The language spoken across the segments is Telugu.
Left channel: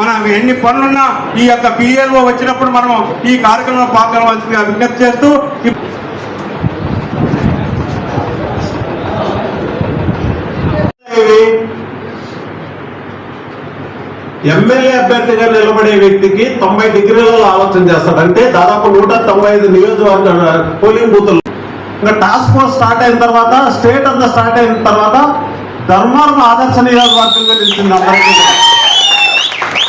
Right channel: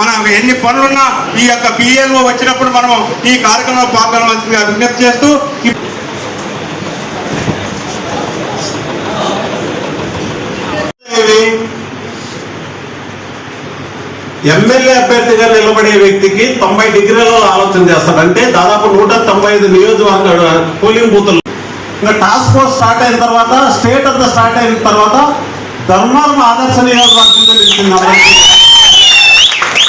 మనం ఎన్ని పనులున్నా ఈ యొక్క బిఎల్లో వచ్చినప్పుడు మనం ఈ కార్యక్రమంలో పాల్గొనవలసిందిగా విజ్ఞప్తి చేస్తూ ఎమ్మెల్యే అభ్యర్థిగా నిలబడే వ్యక్తికి 90 డిగ్రీలలో ఆలోచన చేస్తాడు. అంటే దాదాపు 195 నియోజకవర్గ పోలింగ్ బూతులు. ఇంకా టాస్క్ ఫోర్స్ స్టార్ట్ అయిన తర్వాత, స్టేట్ అంతా స్టార్ట్ అయిన తర్వాత ధర్మారం ఆదర్శ నియోజకవర్గంగా నిలిచింది.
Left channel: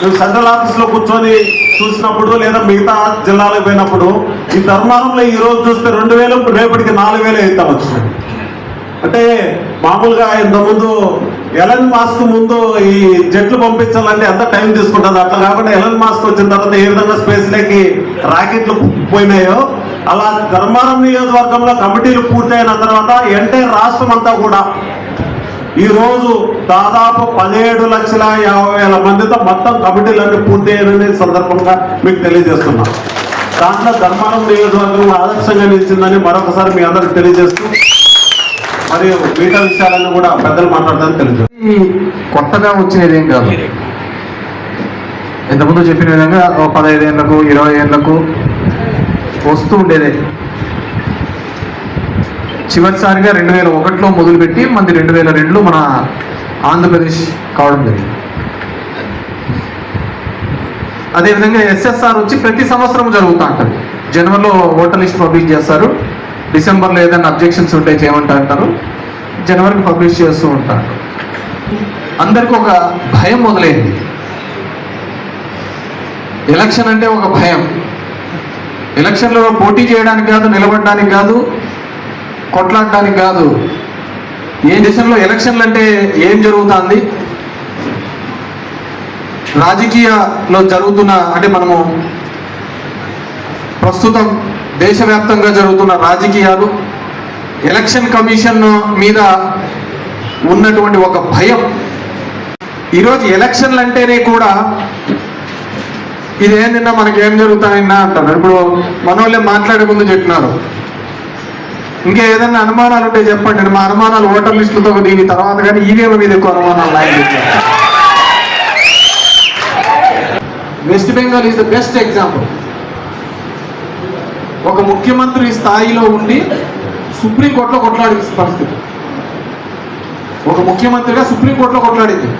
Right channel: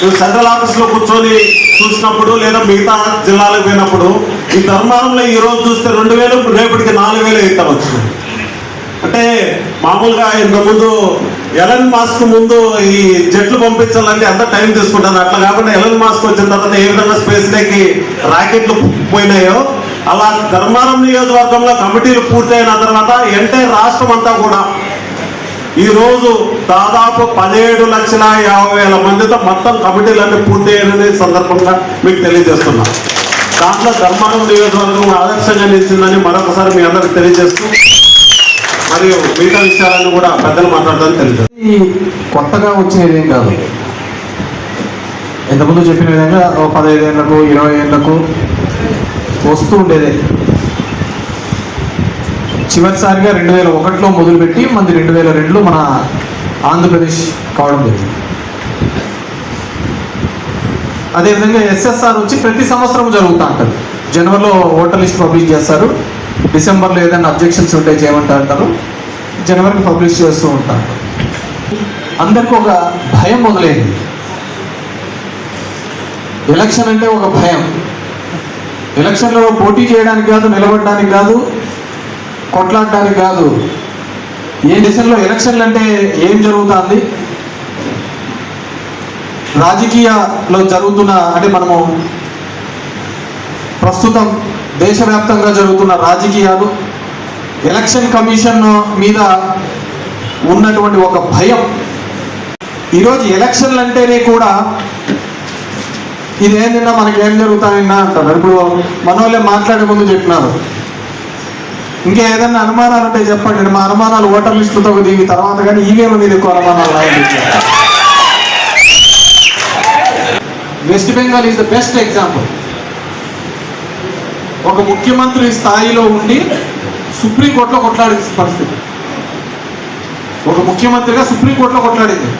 నువ్వు సెంట్రల్ ఆఫీస్ లో కూర్చొని చూసినప్పుడు లేదా మిగతా జిల్లాలకు పోయినప్పుడు ఈ ధర్మారంలో ఈ రోజు చూస్తే 2000, రేపటికి 4000 అయితే వచ్చినాయి. అంటే మామూలుగా ఇంతకుముందు ఎలన్ మాస్క్ ముందు ఈ జట్లు పంపించాలంటే ఎంత టైం తీసుకుంటుంది. అట్లా కాకుండా ఎలన్ మాస్క్ వచ్చిన తర్వాత ఏ విధంగా స్పేస్ లోకి రాకెట్లు పోయినాయో అలా ధర్మారం నియోజకవర్గంలో కమిటీలు పూర్తయిన తర్వాత ఎంటైర్ రాష్ట్రం అంతా కూడా ఈ రోజు దాదాపు 17,50,000 మందితో మొత్తం కమిటీలన్నీ పూర్తి అయిన సందర్భంగా మీకు తెలియజేస్తున్నాం. దాంట్లో ధర్మారం నియోజకవర్గం ఆదర్శంగా నిలిచిందని మరొకసారి మీ అందరికి తెలియజేస్తూ మరియు మిగతా విషయాలను కూడా పెద్దలు మాట్లాడతాను తెలియదు. కొత్తగా వచ్చినది ఏం కాదు. ఇంతకుముందు చెప్పిన విధంగా 15 ఏళ్లకు 20 ఏళ్లకు వస్తూ ఉండేది. చివరిసారిగా 2001లో మొదలుపెట్టి మంది 2002లో మన ఆంధ్రప్రదేశ్ కావడం జరిగింది. అదేవిధంగా ఎస్ఎస్ఆర్ వచ్చి ప్రతి సంవత్సరం జరుగుతూ ఉంటుంది. జనవరిలో ఓటర్ లిస్ట్ పబ్లిష్ చేస్తారు, డిసెంబర్లో ఏదైనా అబ్జెక్షన్స్ ఉంటే చేయమంటారు, జనవరికి పబ్లిష్ చేస్తూ ఉంటారు. అందరికీ ఒక భయం మొదలైంది. ఎలక్షన్ అంటే ఒక భయం. ఎలక్షన్లో పోటీ చేయడానికి కాదు, నిలబడడానికి కాదు, కొట్లాడడానికి కాదు. ఏ దేశంలో ఎలక్షన్లు అంటే ఏం జరుగుతుంది, రాజకీయాల్లో జరుగుతున్న అంటే మనము ప్రస్తుతం దేశవ్యాప్తంగా జరుగుతున్న రాజకీయాలు, ఎలక్షన్ కమిషన్ మీద ఉన్నటువంటి ఒక భయం. ఈరోజు ఎలక్షన్లు అంటేనే కూడా ఇదేంటన్నా మనకేం జరుగుతాయన్నా అంటారు. ఇప్పుడు మనోళ్ళే మాట్లాడే ముందు చెప్పినారు, ఇంకా ఏదన్నా అనుమానాలు ఉంటే చెప్పండి, మా అనుమానాలు ఓటర్ లిస్టులతో దీని తర్వాత కానీ ఈవీఎం మీద ఎక్కువ అనుమానాలు. West Bengal is the best example. ఒక ముఖ్యమంత్రి స్థాయిలో ఉండి సుప్రీంకోర్టులో కొట్లాడింది పరిస్థితి. ఒక ముఖ్యమంత్రిగా సుప్రీంకోర్టులో కొట్లాడింది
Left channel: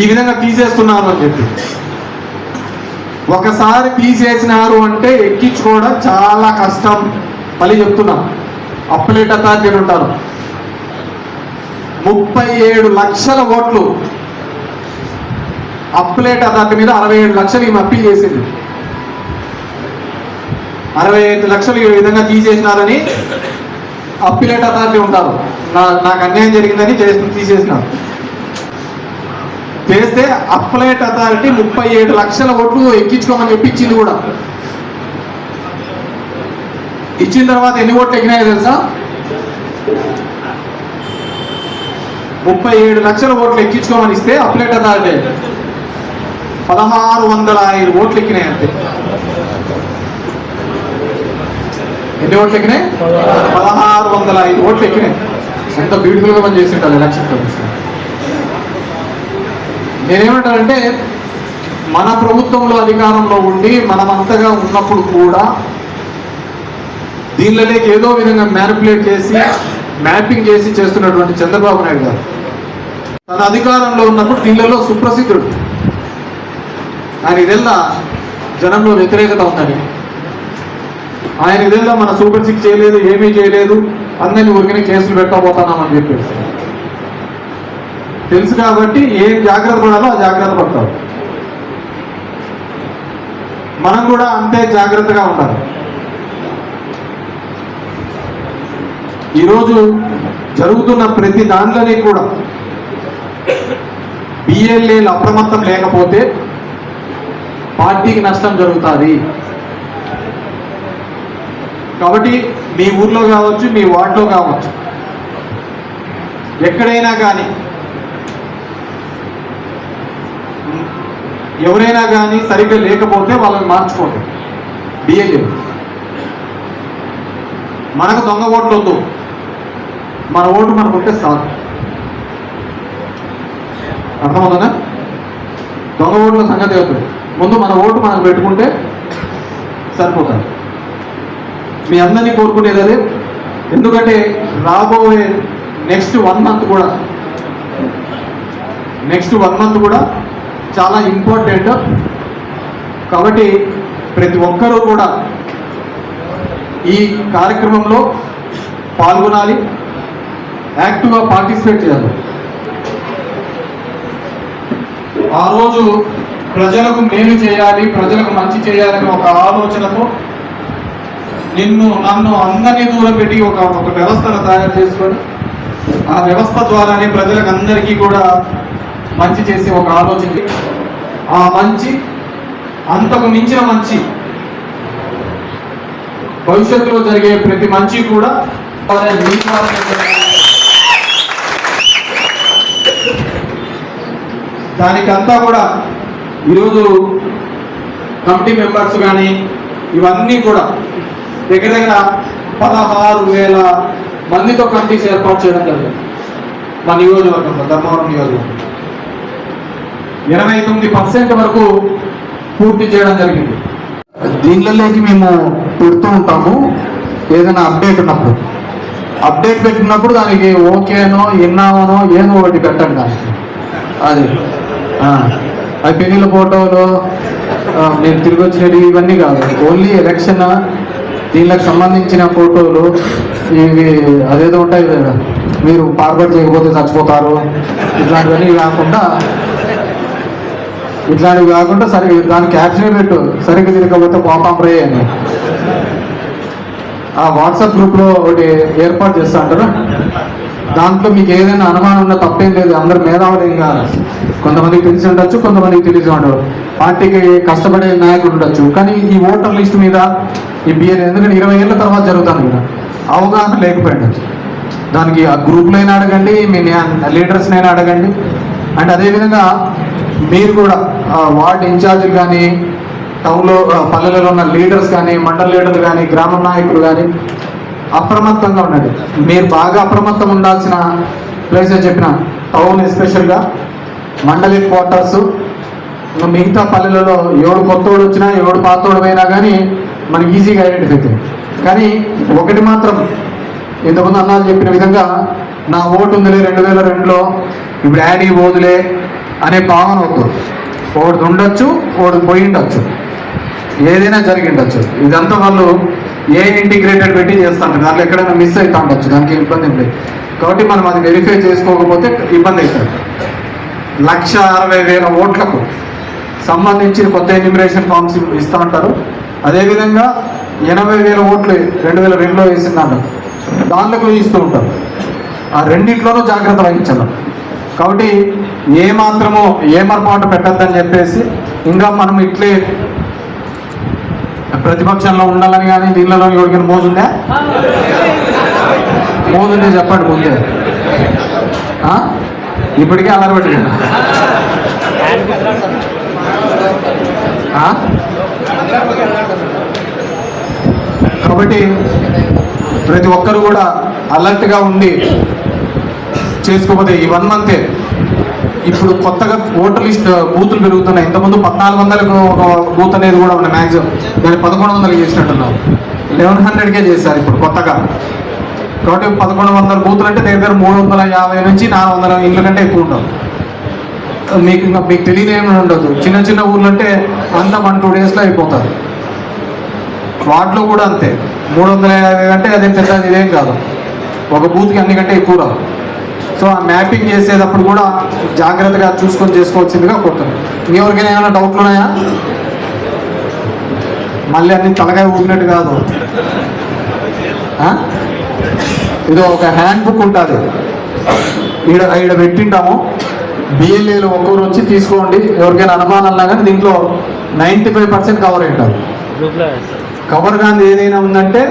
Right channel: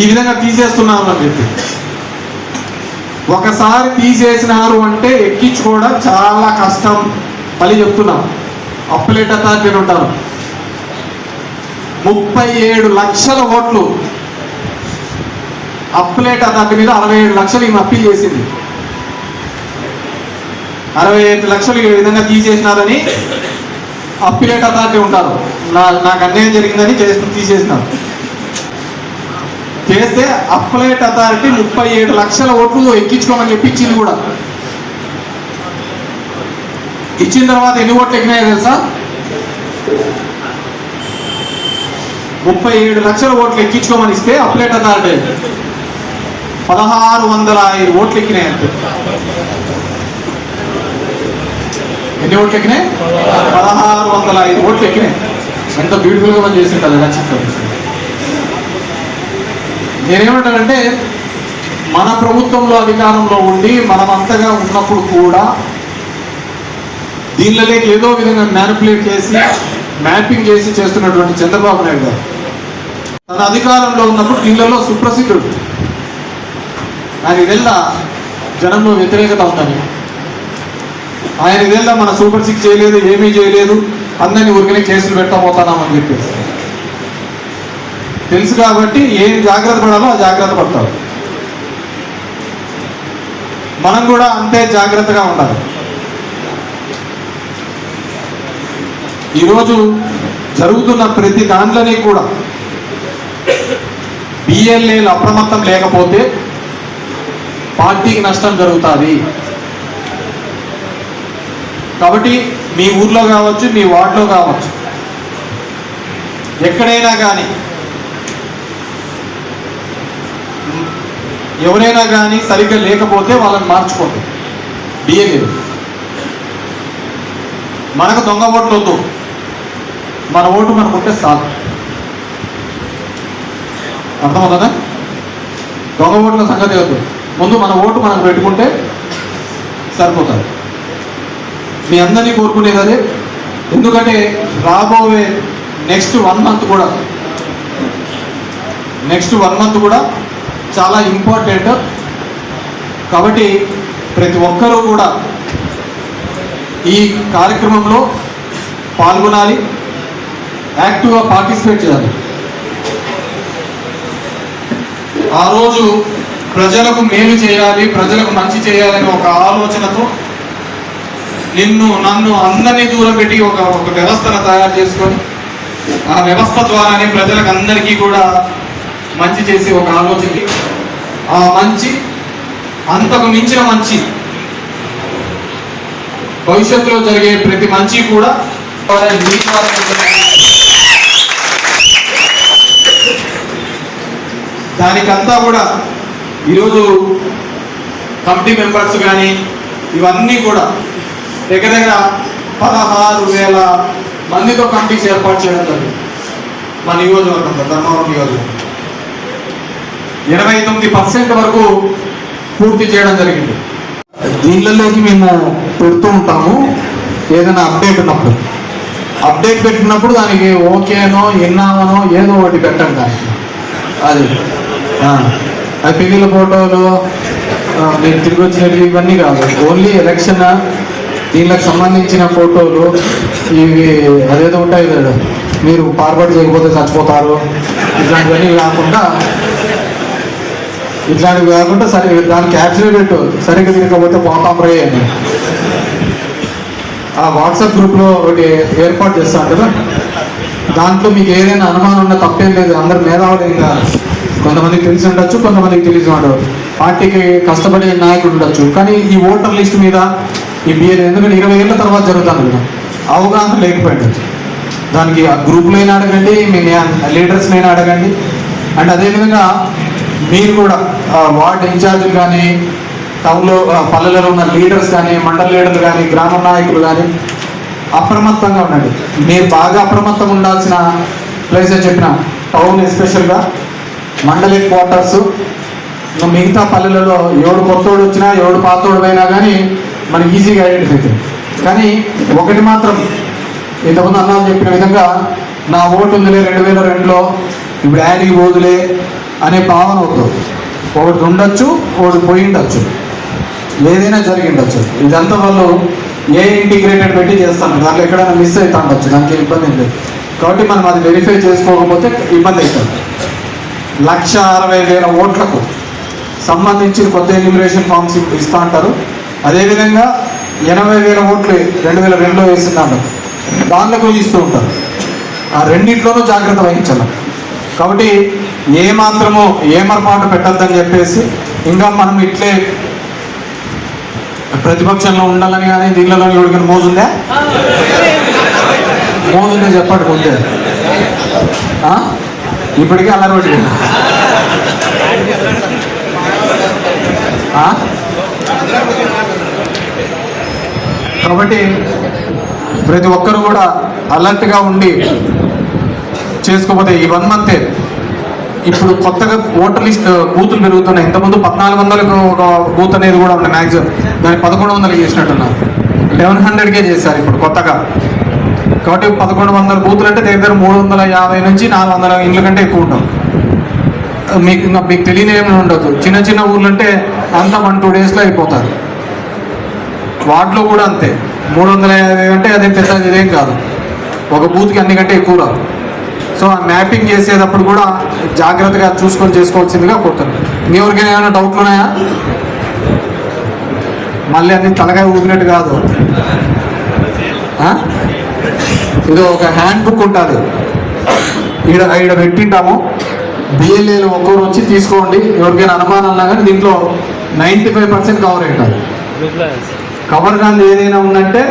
ఈ విధంగా తీసేస్తున్నారు అని చెప్పి. ఒకసారి తీసేసినారు అంటే ఎక్కించుకోవడం చాలా కష్టం అని చెప్తున్నాం. అప్పలేట్ అథారిటీలు ఉంటారు. 37 లక్షల ఓట్లు అప్పలేట్ అథారిటీ మీద 67 లక్షలు ఈయన అప్పీల్ చేసింది. 65 లక్షలు ఈ విధంగా తీసేసినారని అప్పీలేట్ అథారిటీ ఉంటారు. నాకు అన్యాయం జరిగిందని తీసేసినారు. చేస్తే అప్పలేట్ అథారిటీ 37 లక్షల ఓట్లు ఎక్కించుకోమని చెప్పించింది కూడా. ఇచ్చిన తర్వాత ఎన్ని ఓట్లు ఎక్కినాయో తెలుసా? 37 లక్షల ఓట్లు ఎక్కించుకోమని ఇస్తే అప్పలేట్ అథారిటీ 1605 ఓట్లు ఎక్కినాయి. అంతే. ఎన్ని ఓట్లు ఎక్కినాయి? 1605 ఓట్లు ఎక్కినాయి. ఎంత బ్యూటిఫుల్గా మనం చేసింటారు ఎలక్షన్. నేనేమంటానంటే మన ప్రభుత్వంలో అధికారంలో ఉండి మనమంతగా ఉన్నప్పుడు కూడా దీనిలోకి ఏదో విధంగా మ్యానిపులేట్ చేసి మ్యాపింగ్ చేసి చేస్తున్నటువంటి చంద్రబాబు నాయుడు గారు తన అధికారంలో ఉన్నప్పుడు దీనిలో సుప్రసిద్ధుడు. ఆయన ఇదెల్లా జనంలో వ్యతిరేకత ఉందని, ఆయన ఇదెల్లా మన సూపర్ 6 చేయలేదు, ఏమీ చేయలేదు, అందరినీ ఊరికనే కేసులు పెట్టబోతున్నామని చెప్పేసి తెలుసు. కాబట్టి ఏం జాగ్రత్త పడాలో ఆ జాగ్రత్త పడతారు. మనం కూడా అంతే జాగ్రత్తగా ఉండాలి. ఈరోజు జరుగుతున్న ప్రతి దాంట్లోనే కూడా బిఎల్ఏలు అప్రమత్తం లేకపోతే పార్టీకి నష్టం జరుగుతుంది. కాబట్టి మీ ఊర్లో కావచ్చు, మీ వార్డులో కావచ్చు, ఎక్కడైనా కానీ ఎవరైనా కానీ సరిగ్గా లేకపోతే వాళ్ళని మార్చుకోండి. బిఎల్ఏ మనకు దొంగ ఓట్లు వద్దు, మన ఓటు మనకు ఉంటే సార్. అర్థమవుతుందా? దొంగ ఓట్ల సంగతి కాదు, ముందు మన ఓటు మనం పెట్టుకుంటే సరిపోతుంది. మీ అందరినీ కోరుకునేది అదే. ఎందుకంటే రాబోయే నెక్స్ట్ వన్ మంత్ కూడా చాలా ఇంపార్టెంట్. కాబట్టి ప్రతి ఒక్కరూ కూడా ఈ కార్యక్రమంలో పాల్గొనాలి, యాక్టివ్గా పార్టిసిపేట్ చేయాలి. ఆ రోజు ప్రజలకు మేలు చేయాలి, ప్రజలకు మంచి చేయాలని ఒక ఆలోచనతో నన్ను అందరినీ దూరం పెట్టి ఒక వ్యవస్థను తయారు చేసుకొని ఆ వ్యవస్థ ద్వారానే ప్రజలకు అందరికీ కూడా మంచి చేసే ఒక ఆలోచన, ఆ మంచి అంతకు మించిన మంచి భవిష్యత్తులో జరిగే ప్రతి మంచి కూడా దానికంతా కూడా ఈరోజు కమిటీ మెంబర్స్ కానీ ఇవన్నీ కూడా దగ్గర 16,000 మందితో కమిటీస్ ఏర్పాటు చేయడం జరిగింది. మా నియోజకవర్గంలో, ధర్మవరం నియోజకవర్గం 89% వరకు పూర్తి చేయడం జరిగింది. దీనిలోకి మేము పెడుతూ ఉంటాము. ఏదైనా అప్డేట్ ఉన్నప్పుడు, అప్డేట్ పెట్టినప్పుడు దానికి ఓకేనో ఎన్నావనో ఏదో ఒకటి పెట్టండి. దానికి అది పెళ్లిళ్ళ ఫోటోలు, నేను తిరిగి వచ్చినవి ఇవన్నీ కాదు, ఓన్లీ ఎలక్షన్ దీనికి సంబంధించిన ఫోటోలు ఇవి అదేదో ఉంటాయి కదా, మీరు ఫార్వర్డ్ చేయకపోతే చచ్చిపోతారు, ఇట్లాంటివన్నీ కాకుండా సరే దాని క్యాప్షన్ పెట్టు, సరిగ్గా తిరగకపోతే పోతాం రే అని ఆ వాట్సాప్ గ్రూప్లో ఒకటి ఏర్పాటు చేస్తా అంటారు. దాంట్లో మీకు ఏదైనా అనుమానం ఉన్నా తప్పేం లేదు. అందరు మేధావులు ఏం కాదు. కొంతమందికి తెలిసి ఉండొచ్చు, కొంతమందికి తెలిసి ఉండదు. పార్టీకి కష్టపడే నాయకుడు ఉండొచ్చు, కానీ ఈ ఓటర్ లిస్ట్ మీద ఈ బిఏ ఎందుకంటే 20 ఏళ్ళ తర్వాత జరుగుతాను కూడా అవగాహన లేకపోయిండొచ్చు. దానికి ఆ గ్రూప్లో అయినా అడగండి, మీ లీడర్స్ని అయినా అడగండి. అండ్ అదేవిధంగా మీరు కూడా వార్డు ఇన్ఛార్జీలు కానీ, టౌన్లో పల్లెలలో ఉన్న లీడర్స్ కానీ, మండల లీడర్లు కానీ, గ్రామ నాయకులు కానీ అప్రమత్తంగా ఉండండి. మీరు బాగా అప్రమత్తంగా ఉండాల్సిన ప్లేస్ అని చెప్పిన టౌన్, ఎస్పెషల్గా మండలి క్వార్టర్స్, మిగతా పల్లెలలో ఎవడు కొత్తోడు వచ్చినా ఎవడు పాతోడు అయినా కానీ మనకి ఈజీగా ఐడెంటిఫై అవుతుంది. కానీ ఒకటి మాత్రం ఇంతకుముందు అన్నాను చెప్పిన విధంగా నా ఓటు ఉందిలే 2002లో, ఇప్పుడు యాడీ ఓదులే అనే భావన వద్దు. ఒకటి ఉండొచ్చు, ఒకటి పోయి ఉండొచ్చు, ఏదైనా జరిగి ఉండొచ్చు. ఇదంతా వాళ్ళు ఇంటిగ్రేటెడ్ పెట్టి చేస్తాం, దాంట్లో ఎక్కడైనా మిస్ అవుతూ ఉండొచ్చు, దానికి ఇబ్బంది ఉంది. కాబట్టి మనం అది వెరిఫై చేసుకోకపోతే ఇబ్బంది అవుతుంది. 160,000 ఓట్లకు సంబంధించి కొత్త ఎన్యూమరేషన్ ఫామ్స్ ఇస్తూ ఉంటారు. అదేవిధంగా 80,000 ఓట్లు 2002లో వేసిందాను, దాంట్లో కూడా ఇస్తూ ఉంటారు. ఆ రెండింటిలోనూ జాగ్రత్త వహించాలి. కాబట్టి ఏమరపాటు పెట్టద్దని చెప్పేసి ఇంకా మనం ఇట్లే ప్రతిపక్షంలో ఉండాలని కానీ దీనిలో ఎవరికైనా మోజుందే చెప్పండి. ముందే ఇప్పటికే అలవాటు. కాబట్టి ప్రతి ఒక్కరు కూడా అలర్ట్గా ఉండి చేసుకోకపోతే ఈ 1 మంతే. ఇప్పుడు కొత్తగా ఓటర్ లిస్ట్ బూతులు పెరుగుతున్నాయి. ఇంతకుముందు 1400 ఒక బూత్ అనేది కూడా ఉన్నాయి మ్యాక్సిమం, దాన్ని 1100 చేసినట్టున్నారు. 1100కే చేశారు ఇప్పుడు కొత్తగా. కాబట్టి 1100 బూతులు అంటే దగ్గర 350 నుంచి 400 ఇళ్ళ కంటే ఎక్కువ ఉంటారు. మీకు తెలియని ఏమైనా ఉండదు. చిన్న ఊర్లు అంటే అంతా 1-2 డేస్లో అయిపోతారు. వాటిలో కూడా అంతే 350 అంటే అది పెద్ద ఇదేం కాదు, ఒక బూత్కి అన్నికంటే ఎక్కువ రాదు. సో ఆ మ్యాపింగ్ చేసేటప్పుడు కూడా జాగ్రత్తగా చూసుకొని చేసుకోవాల్సిందిగా కోరుతున్నాను. ఎవరికైనా ఏమైనా డౌట్లు ఉన్నాయా? మళ్ళీ అన్ని తలకాయ ఊపినట్టు కాదు. ఇది ఒక హ్యాండ్ బుక్ ఉంటుంది, ఈడ పెట్టింటాము. బిఎల్ఏలు ఒక్కొక్కరు వచ్చి తీసుకోండి. ఎవరికైనా అనుమానాలు కానీ దీంట్లో 95% కవర్ అయింటారు. కవర్ కానీ ఏదైనా ఉందంటే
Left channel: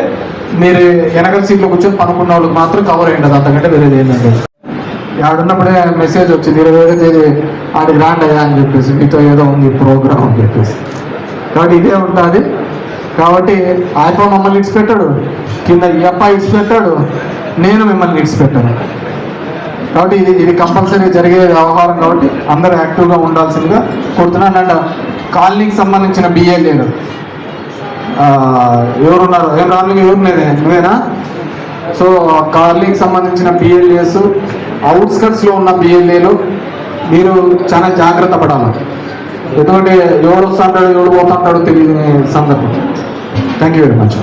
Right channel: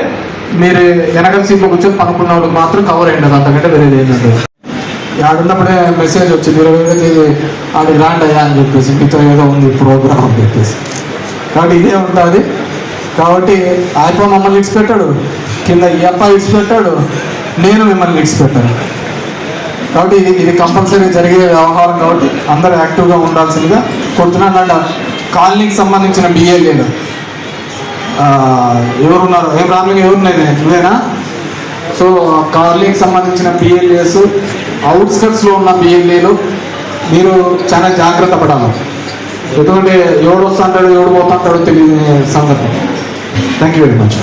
మీరు వెనకల సీట్లో కూర్చొని పనుకున్న వాళ్ళకి మాత్రం కవర్ అయ్యింది, అంతకంటే వేరేది ఏంటంటే ఆడున్నప్పుడే మెసేజ్ వచ్చింది 27వ తేదీ ఆడి రాండి అయ్యా అని చెప్పేసి, మీతో ఏదో ఉంది ప్రోగ్రామ్ అని చెప్పేసి. కాబట్టి ఇదే ఉంటుంది. కాబట్టి ఆయప్ప మమ్మల్ని ఇడిచిపెట్టాడు, కింద ఈ అప్ప ఇడిచిపెట్టాడు, నేను మిమ్మల్ని ఇడిచిపెట్టాను. కాబట్టి ఇది కంపల్సరీ జరిగే వ్యవహారం కాబట్టి అందరూ యాక్టివ్గా ఉండాల్సిందిగా కోరుతున్నాను. అండ్ కాలనీకి సంబంధించిన బిఎల్ఏలు ఎవరున్నారు? ఏం రామలింగ ఎవరున్నారు? ఇదేనా? సో కాలనీకి సంబంధించిన బిఎల్ఏస్, అవుట్స్కట్స్లో ఉన్న బిఎల్ఏలు మీరు చాలా జాగ్రత్త పడాలి. ఎటువంటి ఎవడు వస్తాడు ఎవడు పోతాడో తెలియని సందర్భం. Thank you very much.